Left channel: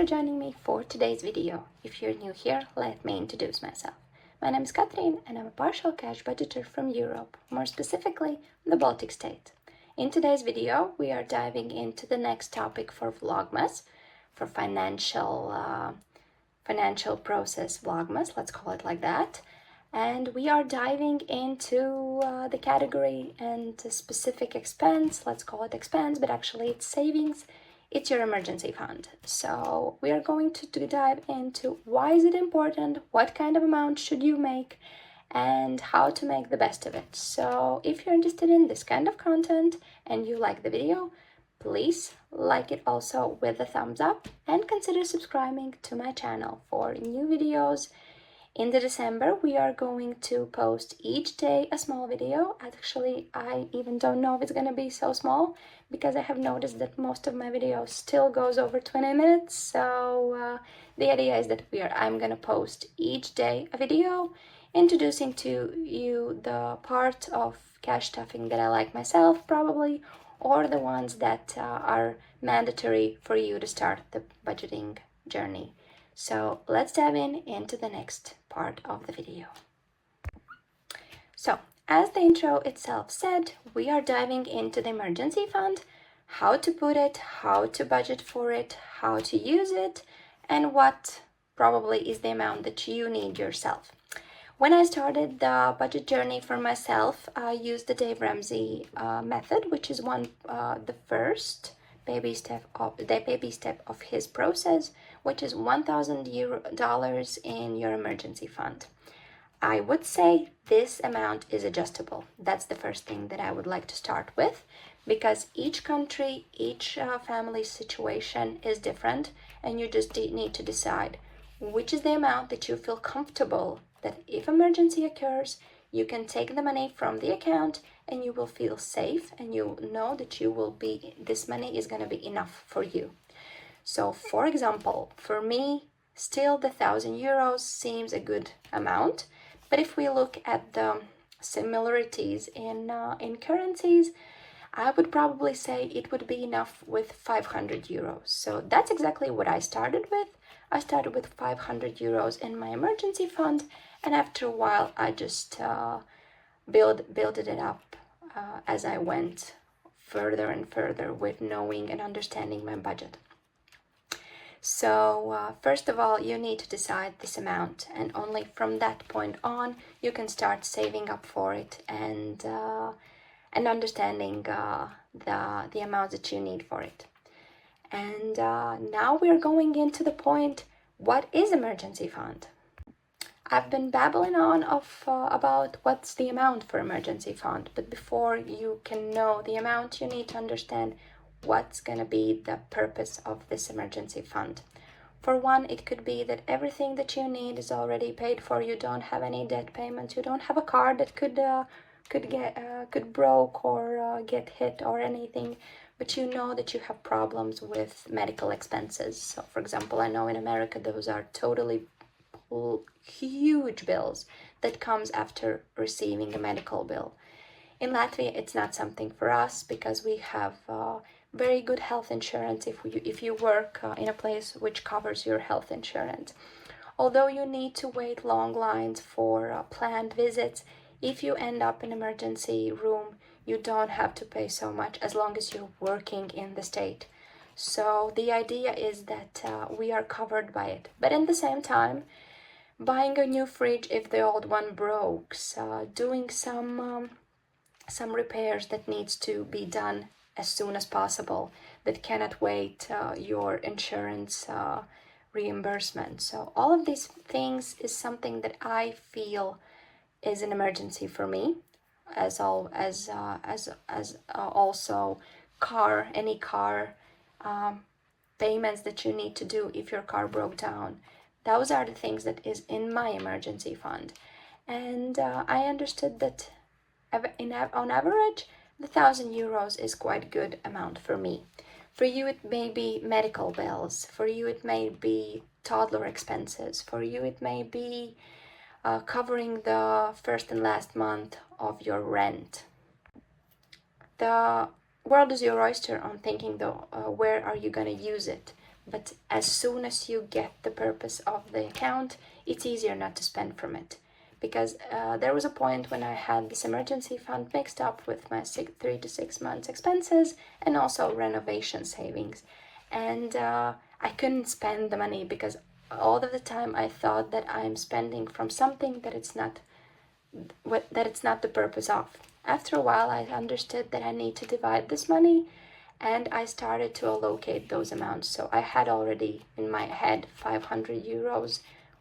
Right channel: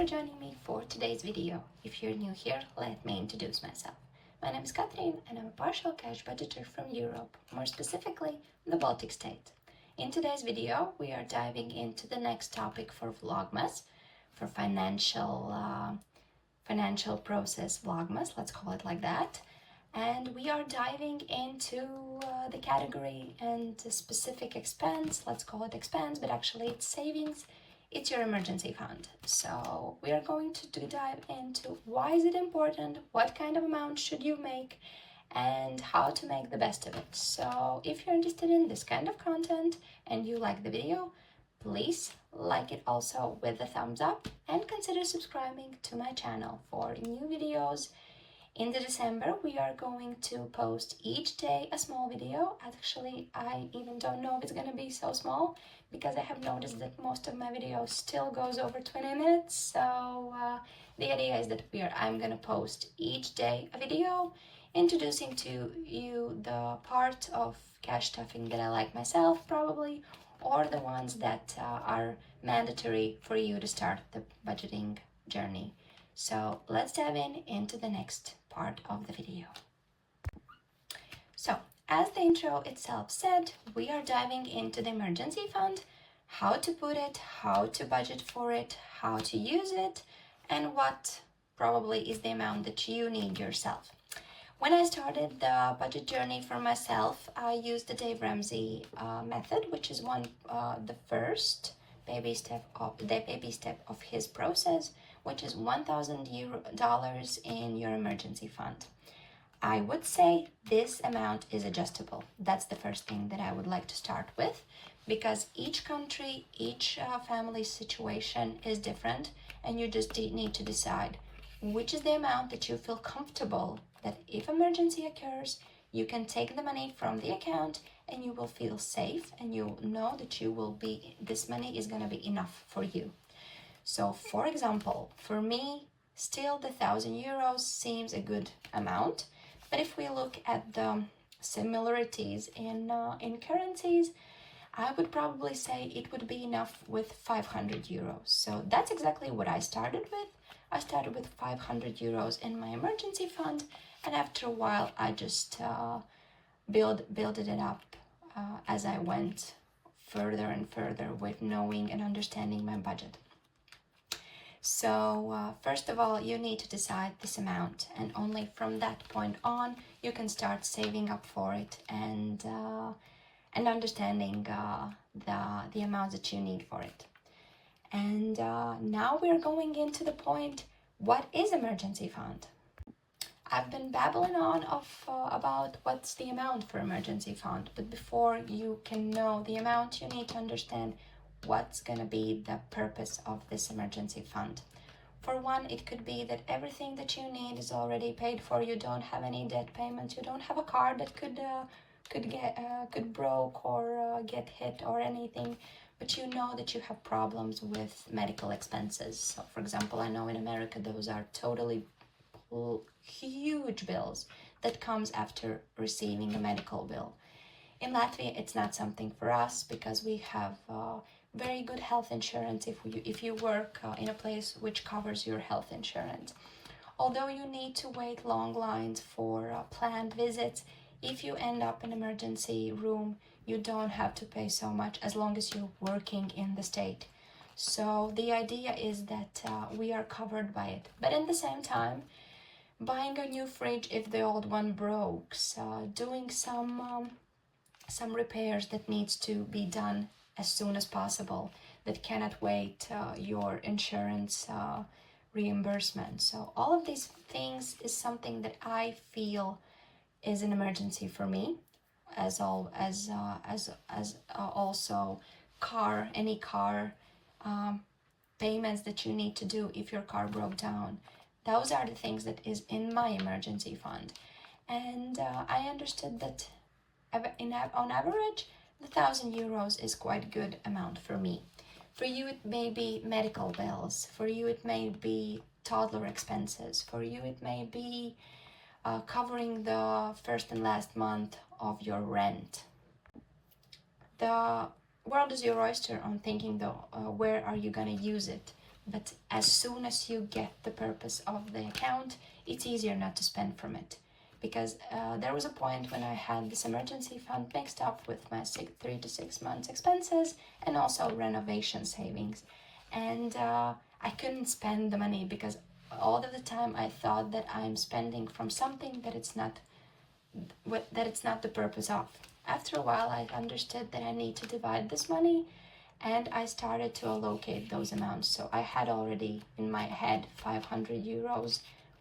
for joining me for today's video. If you're new here, let me introduce myself. My name is Katrin and I'm a partial cash budgeter from Europe, more specifically the Baltic state. In today's video, we are diving into the next topic for VLOGMAS, for financial process VLOGMAS, let's call it like that. And we are diving into the category and the specific expense, let's call it expense, but actually it's savings. It's your emergency fund. So we are going to dive into why is it important, what kind of amount should you make, and how to make the best of it. So if you're interested in this kind of content and you like the video, please like it also with a thumbs up and consider subscribing to my channel for new videos. In December, we are going to post each day a small video. Actually, I even don't know if it's going to be so small because I have noticed that most of my videos still goes over 20 minutes. So the idea is that I'm going to post each day a video introducing to you the part of cash stuffing that I like myself probably, or the ones that are mandatory for you to start the budgeting journey. So let's dive into the next part of the video. So as the intro itself said, we are diving into the emergency fund, how to put it, how to budget for it, how to use it, and what probably is the amount that you need yourself. When I started the budget journey for myself, I used the Dave Ramsey method, which is the first baby step of his process, which is $1,000 in your emergency fund. I would say this amount is adjustable. That's the first thing that I would like to start with, because each country, each family situation is different, and you just need to decide which is the amount that you feel comfortable that if emergency occurs, you can take the money from the account and you will feel safe and you know that this money is going to be enough for you. So for example, for me, still the €1,000 seems a good amount. But if we look at the similarities in currencies, I would probably say it would be enough with €500. So that's exactly what I started with. I started with €500 in my emergency fund, and after a while I just built it up as I went further and further with knowing and understanding my budget. So first of all, you need to decide this amount, and only from that point on you can start saving up for it and understanding the amount that you need for it. And now we're going into the point, what is emergency fund? I've been babbling on about what's the amount for emergency fund, but before you can know the amount, you need to understand what's going to be the purpose of this emergency fund. For one, it could be that everything that you need is already paid for. You don't have any debt payments. You don't have a car that could broke or get hit or anything, but you know that you have problems with medical expenses. So for example, I know in America those are totally huge bills that comes after receiving a medical bill. In Latvia, it's not something for us because we have very good health insurance if you work in a place which covers your health insurance. Although you need to wait long lines for planned visits, if you end up in emergency room, you don't have to pay so much as long as you're working in the state. So the idea is that we are covered by it. But at the same time, buying a new fridge if the old one broke, doing some repairs that needs to be done as soon as possible, that cannot wait your insurance reimbursement. So all of these things is something that I feel is an emergency for me, as also any car payments that you need to do if your car broke down. Those are the things that is in my emergency fund. And I understood that on average, the €1,000 is quite a good amount for me. For you, it may be medical bills. For you, it may be toddler expenses. For you, it may be covering the first and last month of your rent. The world is your oyster on thinking though, where are you going to use it? but as soon as you get the purpose of the account, it's easier not to spend from it. Because there was a point when I had this emergency fund mixed up with my 3 to 6 months expenses and also renovation savings. And I couldn't spend the money because all of the time I thought that I'm spending from something that it's not the purpose of. After a while, I understood that I need to divide this money, and I started to allocate those amounts. So I had already in my head 500 euros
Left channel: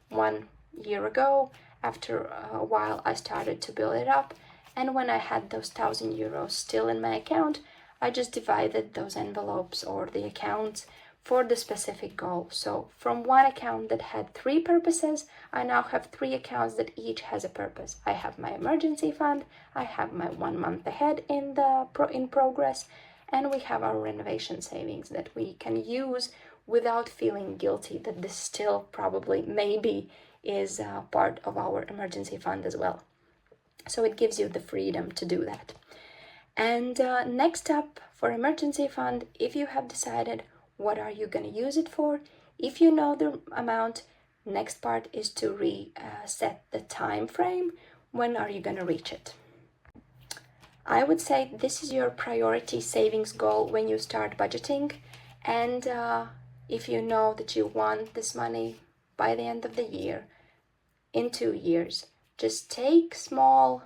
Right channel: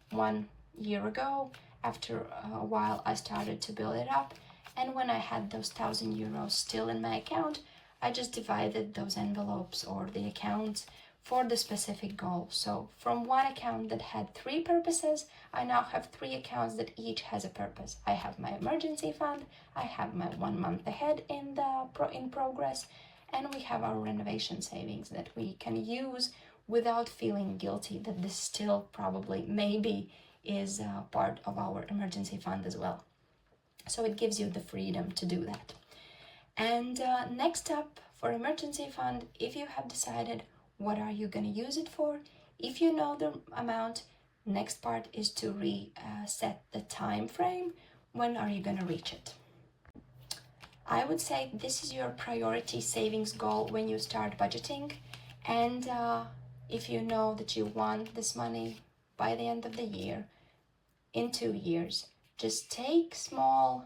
1 year ago. After a while, I started to build it up, and when I had those 1,000 euros still in my account, I just divided those envelopes or the accounts for the specific goal. So from one account that had 3 purposes, I now have 3 accounts that each has a purpose. I have my emergency fund, I have my 1 month ahead in progress, and we have our renovation savings that we can use without feeling guilty that this still probably maybe is part of our emergency fund as well. So it gives you the freedom to do that. And next up, for emergency fund, if you have decided what are you going to use it for, if you know the amount, next part is to reset the time frame. When are you going to reach it? I would say this is your priority savings goal when you start budgeting. And if you know that you want this money by the end of the year, in 2 years, just take small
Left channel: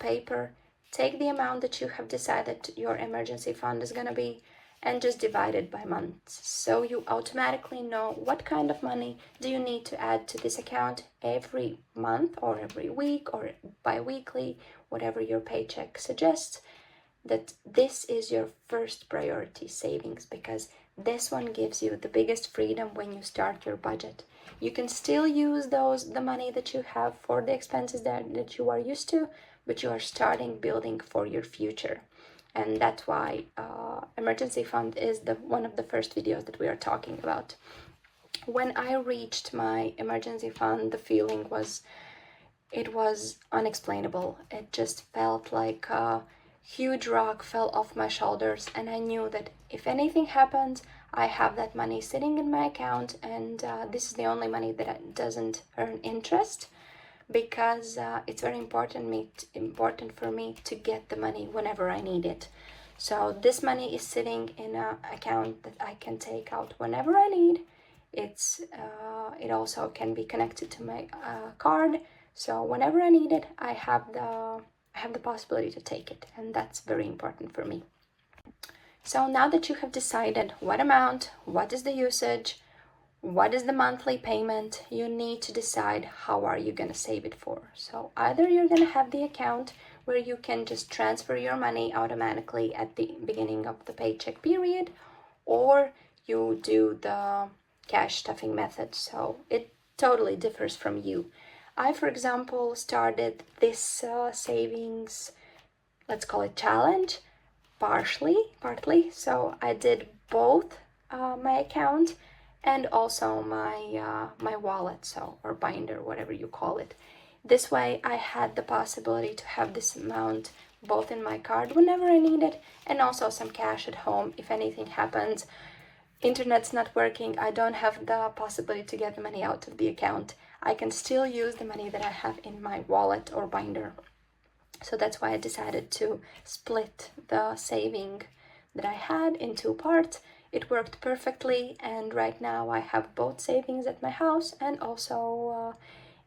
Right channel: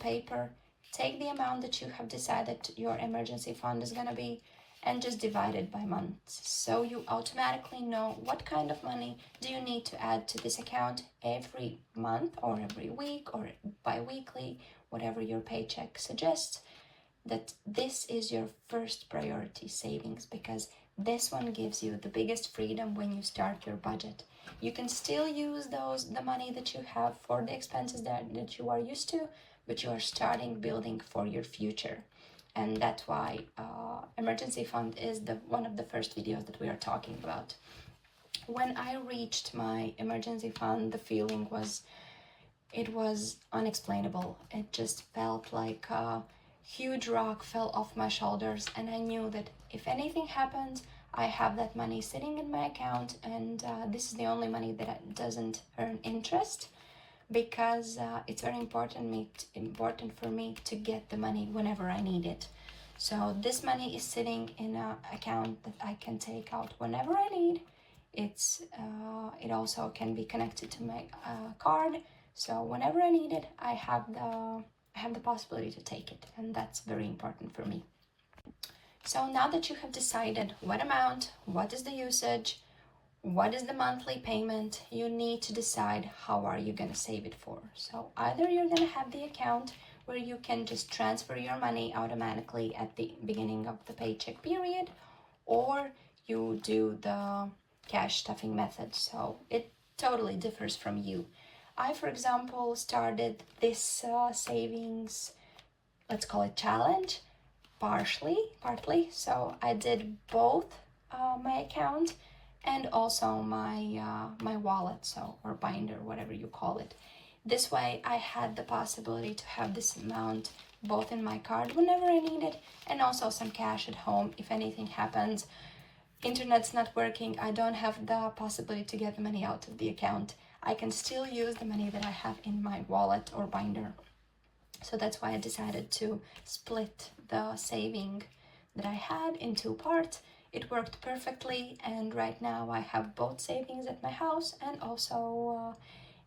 paper, take the amount that you have decided your emergency fund is going to be, and just divide it by months. So you automatically know what kind of money do you need to add to this account every month or every week or bi-weekly, whatever your paycheck suggests, that this is your first priority savings, because this one gives you the biggest freedom when you start your budget. You can still use the money that you have for the expenses that you are used to, but you are starting building for your future. And that's why emergency fund is one of the first videos that we are talking about. When I reached my emergency fund, the feeling was unexplainable. It just felt like a huge rock fell off my shoulders, and I knew that if anything happened, I have that money sitting in my account, and this is the only money that doesn't earn interest, because it's very important for me to get the money whenever I need it. So this money is sitting in an account that I can take out whenever I need. It also can be connected to my card, so whenever I need it, I have the possibility to take it, and that's very important for me. So now that you have decided what amount, what is the usage, what is the monthly payment, you need to decide how are you going to save it for. So either you're going to have the account where you can just transfer your money automatically at the beginning of the paycheck period, or you do the cash stuffing method. So it totally differs from you. I, for example, started this savings, let's call it challenge, partly. So I did both my account and also my wallet, or binder, whatever you call it. This way I had the possibility to have this amount both in my card whenever I need it, and also some cash at home if anything happens. Internet's not working, I don't have the possibility to get the money out of the account. I can still use the money that I have in my wallet or binder. So that's why I decided to split the saving that I had in 2 parts. It worked perfectly, and right now I have both savings at my house and also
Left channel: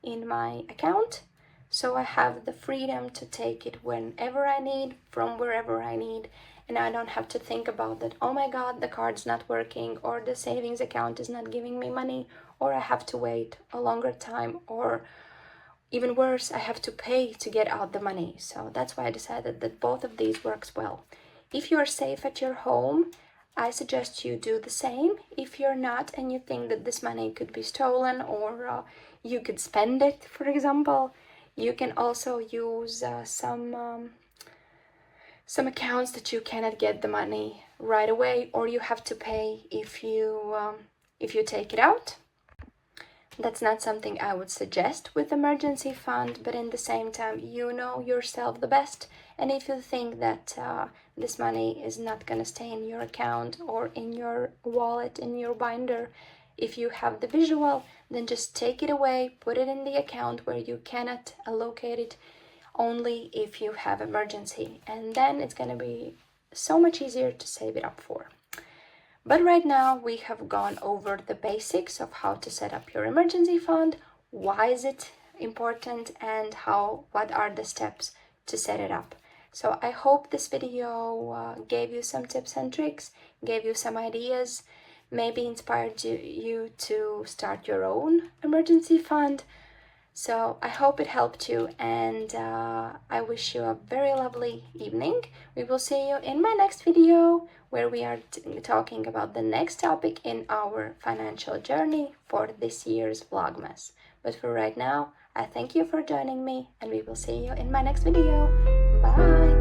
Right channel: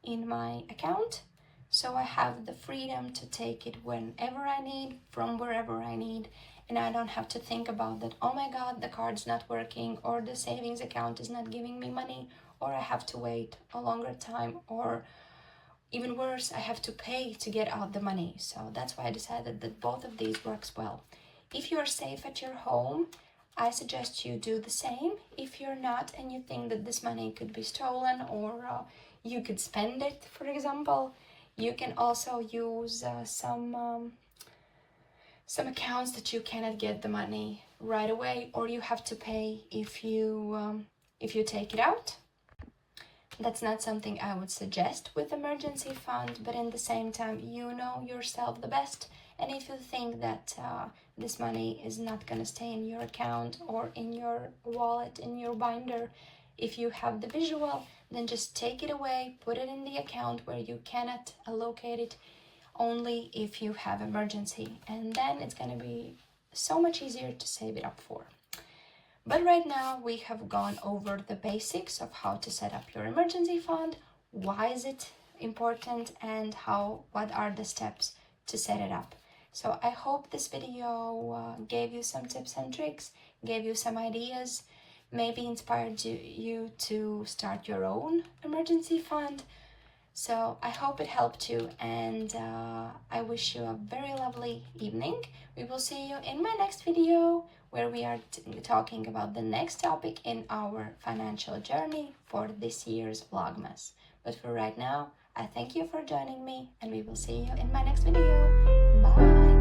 in my account. So I have the freedom to take it whenever I need, from wherever I need, and I don't have to think about that, oh my god, the card's not working, or the savings account is not giving me money, or I have to wait a longer time, or even worse, I have to pay to get out the money. So that's why I decided that both of these works well. If you're safe at your home, I suggest you do the same. If you're not and you think that this money could be stolen, or you could spend it, for example, you can also use some accounts that you cannot get the money right away, or you have to pay if you take it out. That's not something I would suggest with emergency fund, but in the same time, you know yourself the best. And if you think that this money is not going to stay in your account or in your wallet, in your binder, if you have the visual, then just take it away, put it in the account where you cannot allocate it only if you have emergency. And then it's going to be so much easier to save it up for. But right now we have gone over the basics of how to set up your emergency fund, why is it important, and what are the steps to set it up. So I hope this video gave you some tips and tricks, gave you some ideas, maybe inspired you to start your own emergency fund. So I hope it helped you, and I wish you a very lovely evening. We will see you in my next video, where we are talking about the next topic in our financial journey for this year's Vlogmas. But for right now, I thank you for joining me, and we will see you in my next video. Bye!